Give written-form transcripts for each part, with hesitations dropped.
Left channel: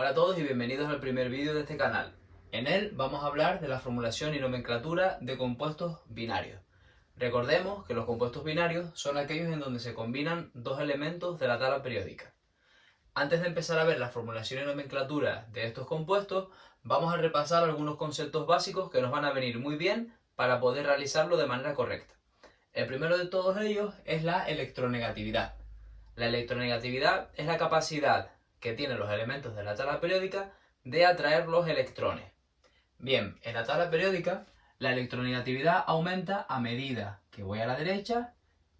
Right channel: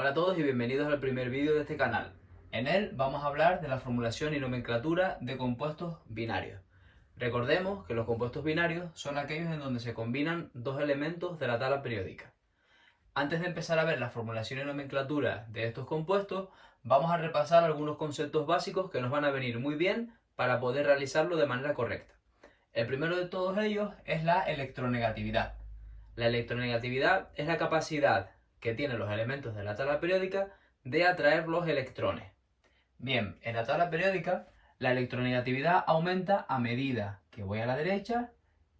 Hola a todos y bienvenidos al primer vídeo de este canal. En él vamos a hablar de la formulación y nomenclatura de compuestos binarios. Recordemos que los compuestos binarios son aquellos en donde se combinan dos elementos de la tabla periódica. Antes de empezar a ver la formulación y nomenclatura de estos compuestos, vamos a repasar algunos conceptos básicos que nos van a venir muy bien para poder realizarlo de manera correcta. El primero de todos ellos es la electronegatividad. La electronegatividad es la capacidad que tienen los elementos de la tabla periódica de atraer los electrones. Bien, en la tabla periódica la electronegatividad aumenta a medida que voy a la derecha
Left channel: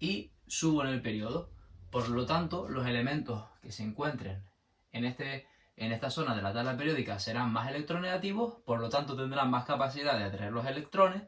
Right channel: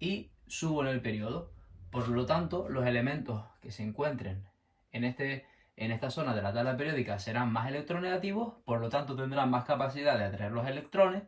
y subo en el periodo. Por lo tanto, los elementos que se encuentren en esta zona de la tabla periódica serán más electronegativos, por lo tanto tendrán más capacidad de atraer los electrones,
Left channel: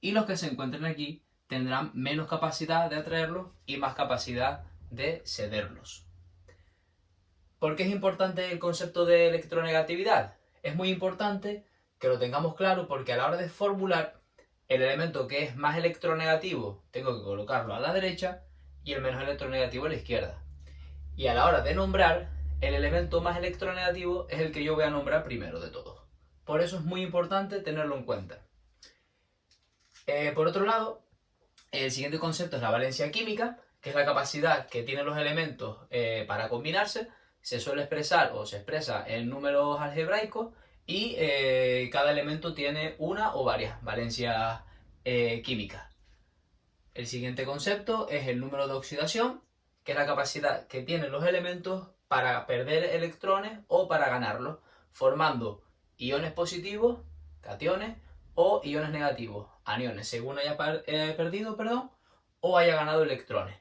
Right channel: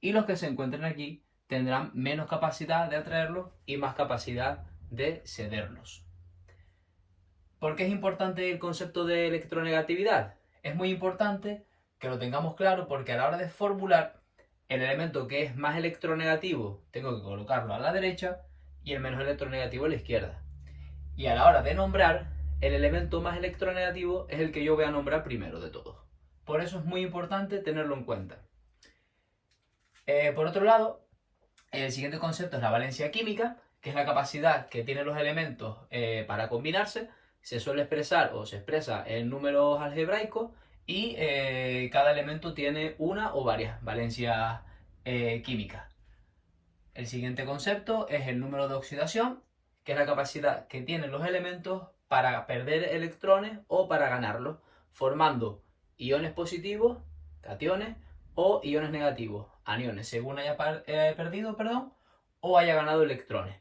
y los que se encuentren aquí tendrán menos capacidad de atraerlos y más capacidad de cederlos. ¿Por qué es importante el concepto de electronegatividad? Es muy importante que lo tengamos claro porque a la hora de formular el elemento que es más electronegativo tengo que colocarlo a la derecha y el menos electronegativo a la izquierda. Y a la hora de nombrar, el elemento más electronegativo es el que yo voy a nombrar primero de todos. Por eso es muy importante tenerlo en cuenta. Por otro lado, el siguiente concepto es la valencia química, que es la capacidad que tienen los elementos para combinarse. Se suele expresar o se expresa en números algebraicos y cada elemento tiene una o varias valencias químicas. El siguiente concepto es el número de oxidación, que es la capacidad que tienen los elementos para perder electrones o para ganarlos, formando iones positivos, cationes, o iones negativos, aniones, según haya perdido, o haya ganado electrones.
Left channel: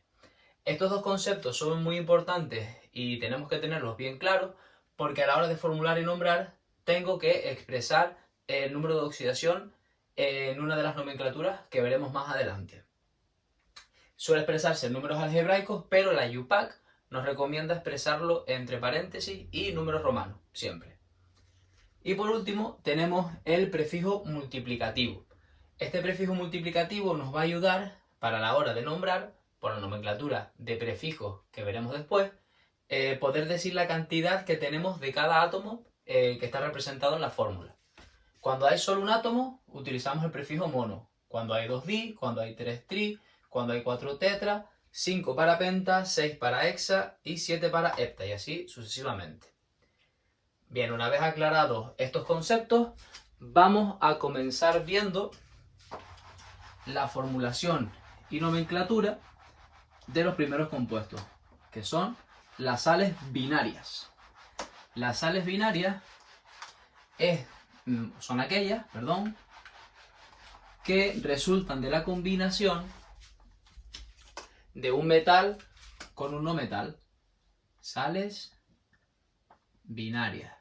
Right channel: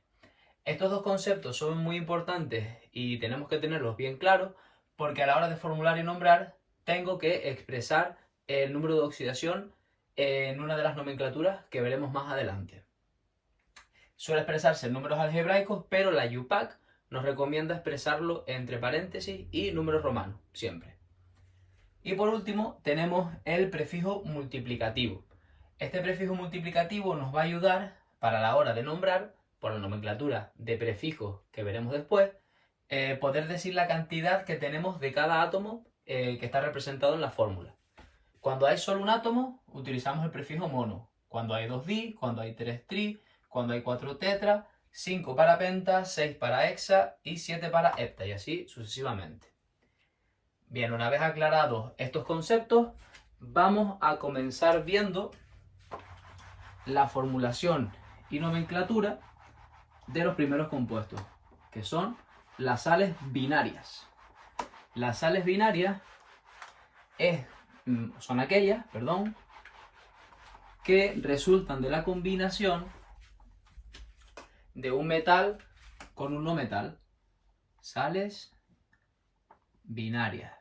Estos dos conceptos son muy importantes y tenemos que tenerlos bien claros porque a la hora de formular y nombrar tengo que expresar el número de oxidación en una de las nomenclaturas que veremos más adelante. Suele expresarse en números algebraicos, pero la UPAC nos recomienda expresarlo entre paréntesis y números romanos, siempre. Y por último tenemos el prefijo multiplicativo. Este prefijo multiplicativo nos va a ayudar para la hora de nombrar, por la nomenclatura de prefijos que veremos después, poder decir la cantidad que tenemos de cada átomo que está representado en la fórmula. Cuando hay solo un átomo, utilizamos el prefijo mono. Cuando hay 2 di, cuando hay 3 tri, cuando hay 4 tetra, 5 para penta, 6 para hexa y 7 para hepta, y así sucesivamente. Bien, una vez aclarados estos conceptos, vamos a comenzar viendo la formulación y nomenclatura de los primeros compuestos, que son las sales binarias. Las sales binarias son aquellas, que resultan de la combinación de un metal con un no metal. Sales binarias.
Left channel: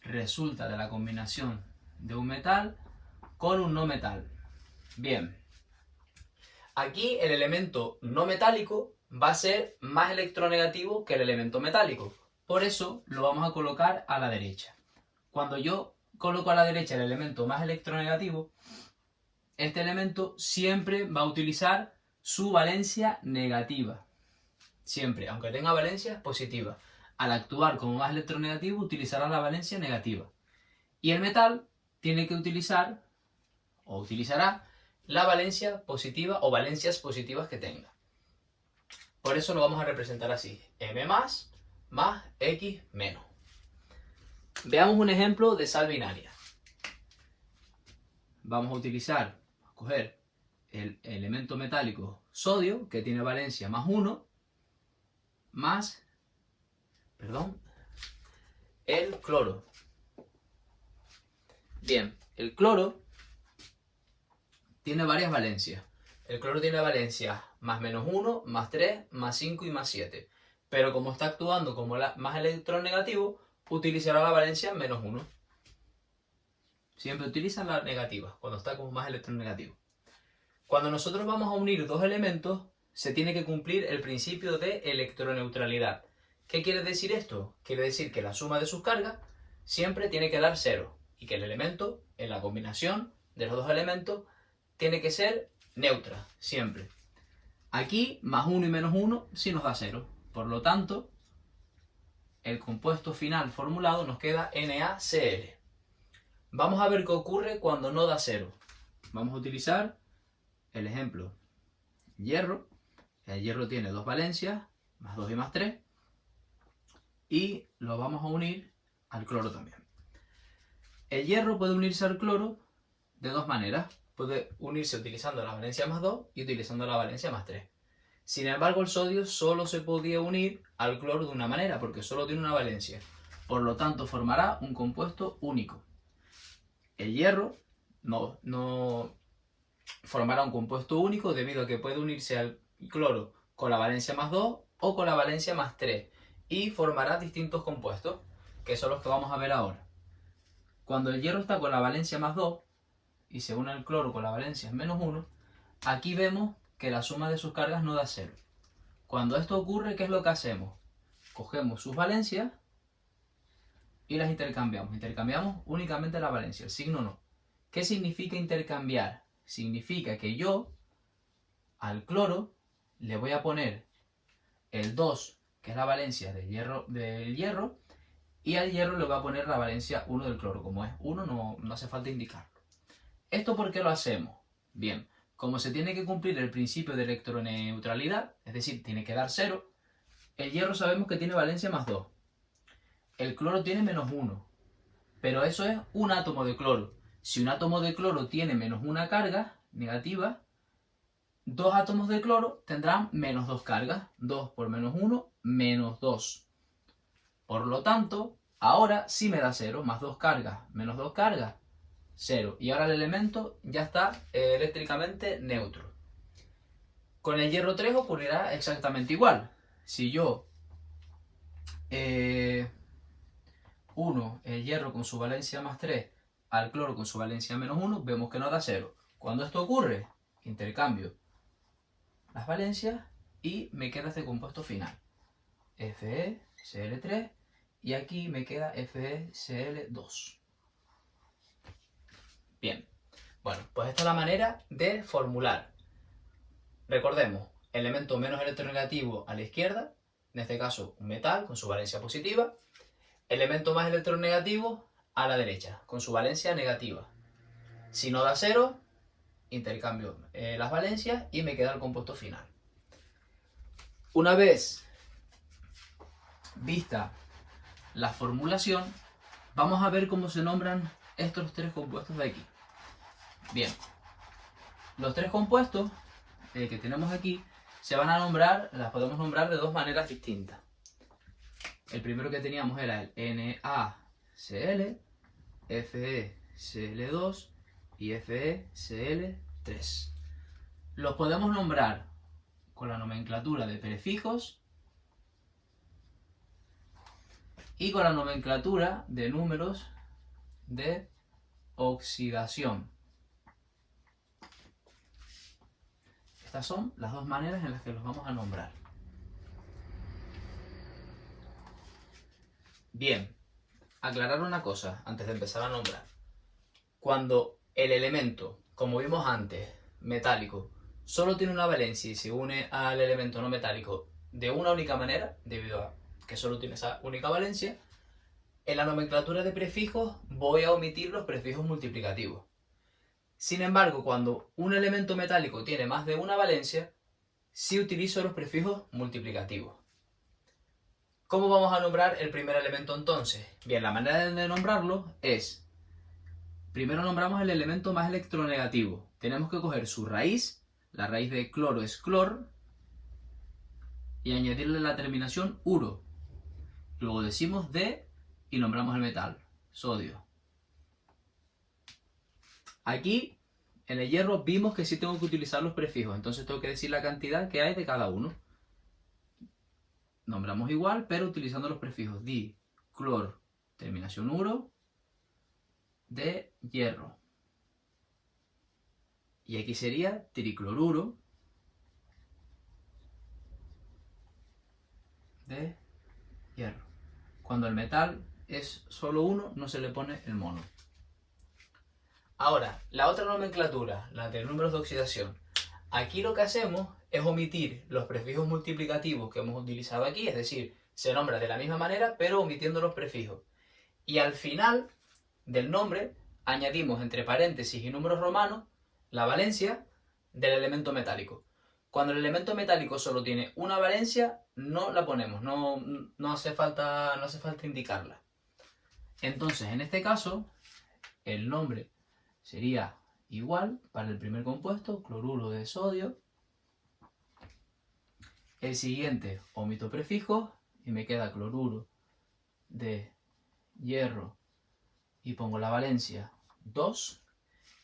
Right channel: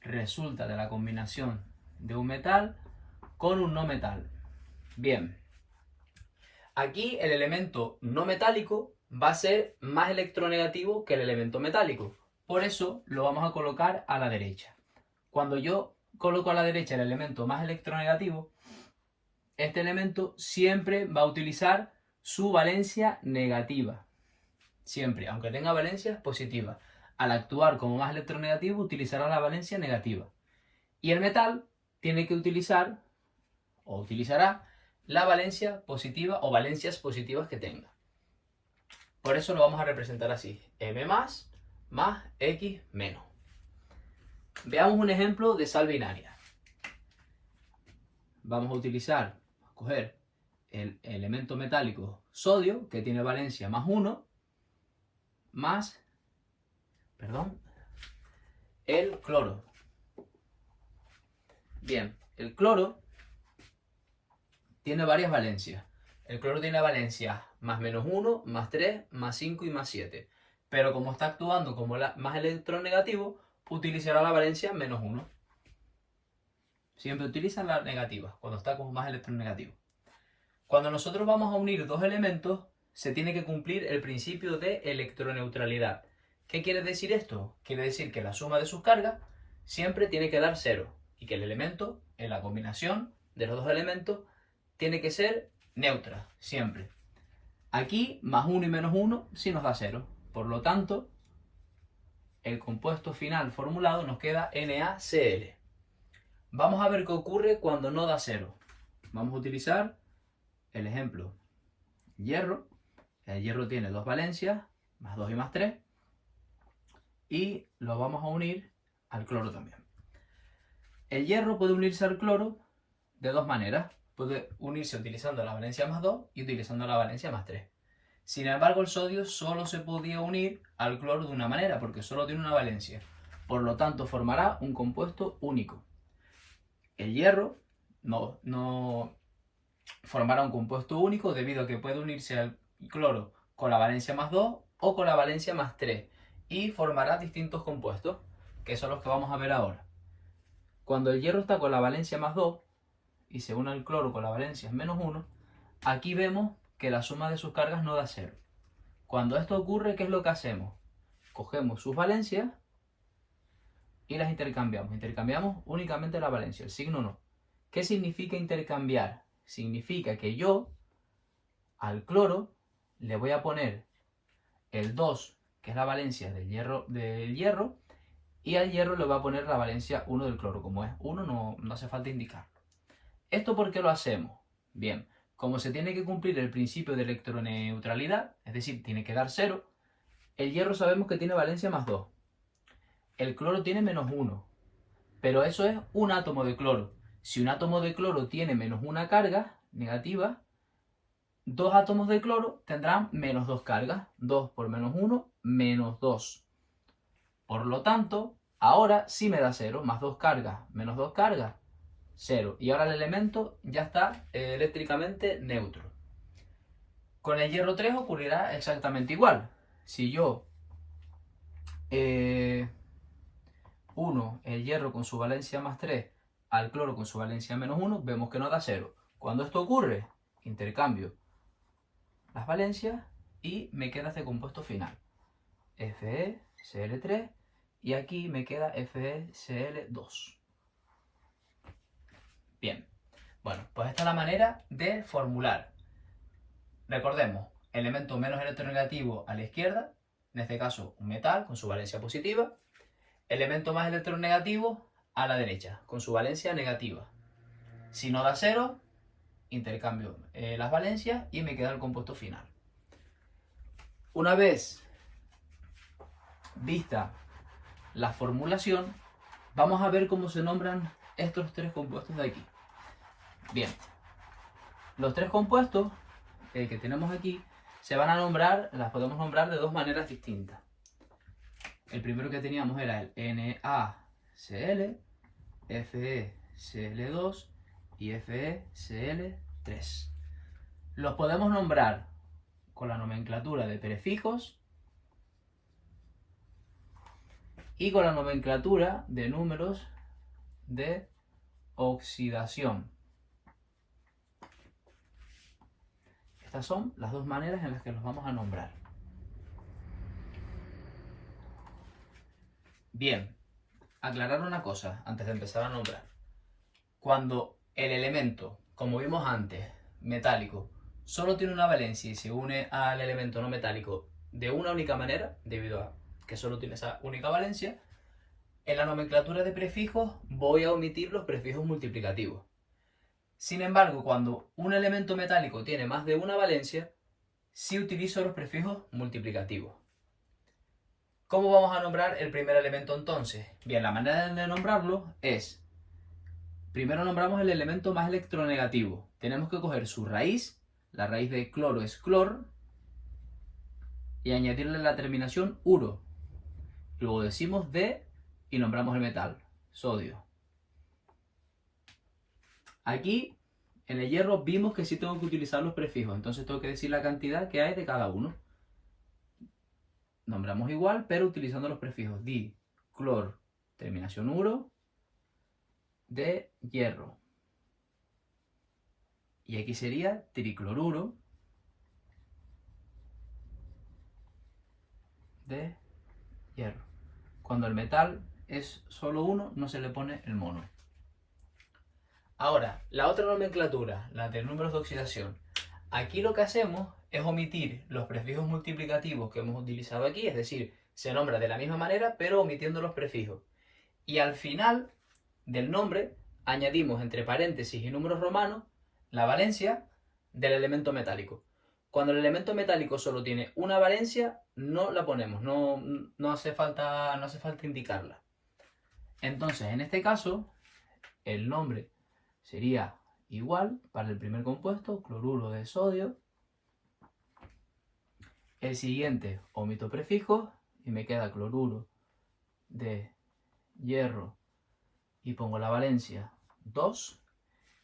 Resulta de la combinación de un metal con un no metal. Bien. Aquí el elemento no metálico va a ser más electronegativo que el elemento metálico. Por eso lo vamos a colocar a la derecha. Cuando yo coloco a la derecha el elemento más electronegativo, este elemento siempre va a utilizar su valencia negativa. Siempre, aunque tenga valencias positivas. Al actuar como más electronegativo utilizará la valencia negativa. Y el metal tiene que utilizar o utilizará la valencia positiva o valencias positivas que tenga. Por eso lo vamos a representar así: M más X menos. Veamos un ejemplo de sal binaria. Vamos a coger el elemento metálico sodio, que tiene valencia más 1, más el cloro. Bien, el cloro tiene varias valencias. El cloro tiene valencias más menos 1, más 3, más 5 y más 7. Pero como está actuando como más electronegativo, utilizará la valencia menos 1. Siempre utilizan la negativa cuando está como más electronegativo. Cuando nosotros vamos a unir dos elementos, se tiene que cumplir el principio de electroneutralidad. ¿Qué quiere decir esto? Quiere decir que la suma de sus cargas siempre tiene que dar 0 y que el elemento, en la combinación de los dos elementos, tiene que ser neutra, siempre. Aquí, más 1 y menos 1 sí nos da 0. Por lo tanto, el compuesto final formulado nos queda NaCl. Vamos a ver qué ocurre cuando no da 0. Vamos a utilizar el ejemplo hierro. El hierro tiene dos valencias, más 2 y más 3. Y lo vamos a unir al cloro también. El hierro puede unirse al cloro de dos maneras. Puede unirse utilizando la valencia más 2 y utilizando la valencia más 3. Sin embargo, el sodio solo se podía unir al cloro de una manera, porque solo tiene una valencia. Por lo tanto, formará un compuesto único. El hierro no formará un compuesto único debido a que puede unirse al cloro con la valencia más 2 o con la valencia más 3 y formará distintos compuestos, que son los que vamos a ver ahora. Cuando el hierro está con la valencia más 2 y se une al cloro con la valencia menos 1, aquí vemos que la suma de sus cargas no da 0. Cuando esto ocurre, ¿qué es lo que hacemos? Cogemos sus valencias y las intercambiamos. Intercambiamos únicamente la valencia, el signo no. ¿Qué significa intercambiar? Significa que yo al cloro le voy a poner el 2, que es la valencia del hierro, y al hierro le voy a poner la valencia 1 del cloro. Como es 1, no hace falta indicar. ¿Esto por qué lo hacemos? Bien, como se tiene que cumplir el principio de electroneutralidad, es decir, tiene que dar 0, el hierro sabemos que tiene valencia más 2. El cloro tiene menos 1, pero eso es un átomo de cloro. Si un átomo de cloro tiene menos una carga negativa, dos átomos de cloro tendrán menos 2 cargas. 2 por menos 1, menos 2. Por lo tanto, ahora sí me da 0, más 2 cargas, menos 2 cargas, 0. Y ahora el elemento ya está eléctricamente neutro. Con el hierro 3 ocurrirá exactamente igual. Si yo uno el hierro con su valencia más 3 al cloro con su valencia menos 1, vemos que no da 0. Cuando esto ocurre, intercambio las valencias y me queda este compuesto final. FeCl3 y aquí me queda FeCl2. Bien, bueno, pues esta es la manera de formular. Recordemos, elemento menos electronegativo a la izquierda, en este caso un metal con su valencia positiva. Elemento más electronegativo a la derecha, con su valencia negativa. Si no da 0, intercambio las valencias y me queda el compuesto final. Una vez vista la formulación, vamos a ver cómo se nombran estos tres compuestos de aquí. Bien, los tres compuestos que tenemos aquí se van a nombrar, las podemos nombrar de dos maneras distintas. El primero que teníamos era el NaCl, FeCl2 y FeCl3. Los podemos nombrar con la nomenclatura de prefijos y con la nomenclatura de números de oxidación. Estas son las dos maneras en las que los vamos a nombrar. Bien, aclarar una cosa antes de empezar a nombrar. Cuando el elemento, como vimos antes, metálico, solo tiene una valencia y se une al elemento no metálico de una única manera, debido a que solo tiene esa única valencia, en la nomenclatura de prefijos voy a omitir los prefijos multiplicativos. Sin embargo, cuando un elemento metálico tiene más de una valencia, sí utilizo los prefijos multiplicativos. ¿Cómo vamos a nombrar el primer elemento entonces? Bien, la manera de nombrarlo es, primero nombramos el elemento más electronegativo. Tenemos que coger su raíz, la raíz de cloro es clor, y añadirle la terminación uro. Luego decimos de y nombramos el metal, sodio. Aquí, en el hierro, vimos que sí tengo que utilizar los prefijos, entonces tengo que decir la cantidad que hay de cada uno. Nombramos igual, pero utilizando los prefijos di, clor, terminación uro, de hierro. Y aquí sería tricloruro de hierro. Cuando el metal es solo uno, no se le pone el mono. Ahora, la otra nomenclatura, la de números de oxidación. Aquí lo que hacemos es omitir los prefijos multiplicativos que hemos utilizado aquí, es decir, se nombra de la misma manera, pero omitiendo los prefijos. Y al final del nombre añadimos entre paréntesis y números romanos la valencia del elemento metálico. Cuando el elemento metálico solo tiene una valencia, no la ponemos, no hace falta indicarla. Entonces, en este caso, el nombre sería igual para el primer compuesto, cloruro de sodio. El siguiente, omito prefijos y me queda cloruro de hierro y pongo la valencia 2.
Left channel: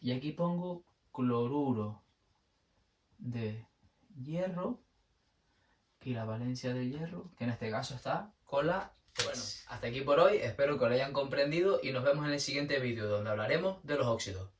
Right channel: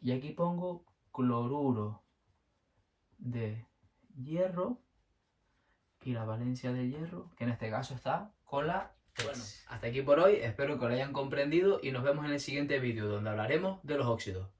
Y aquí pongo cloruro de hierro y la valencia de hierro, que en este caso está con la 3. Bueno, hasta aquí por hoy, espero que lo hayan comprendido y nos vemos en el siguiente vídeo donde hablaremos de los óxidos.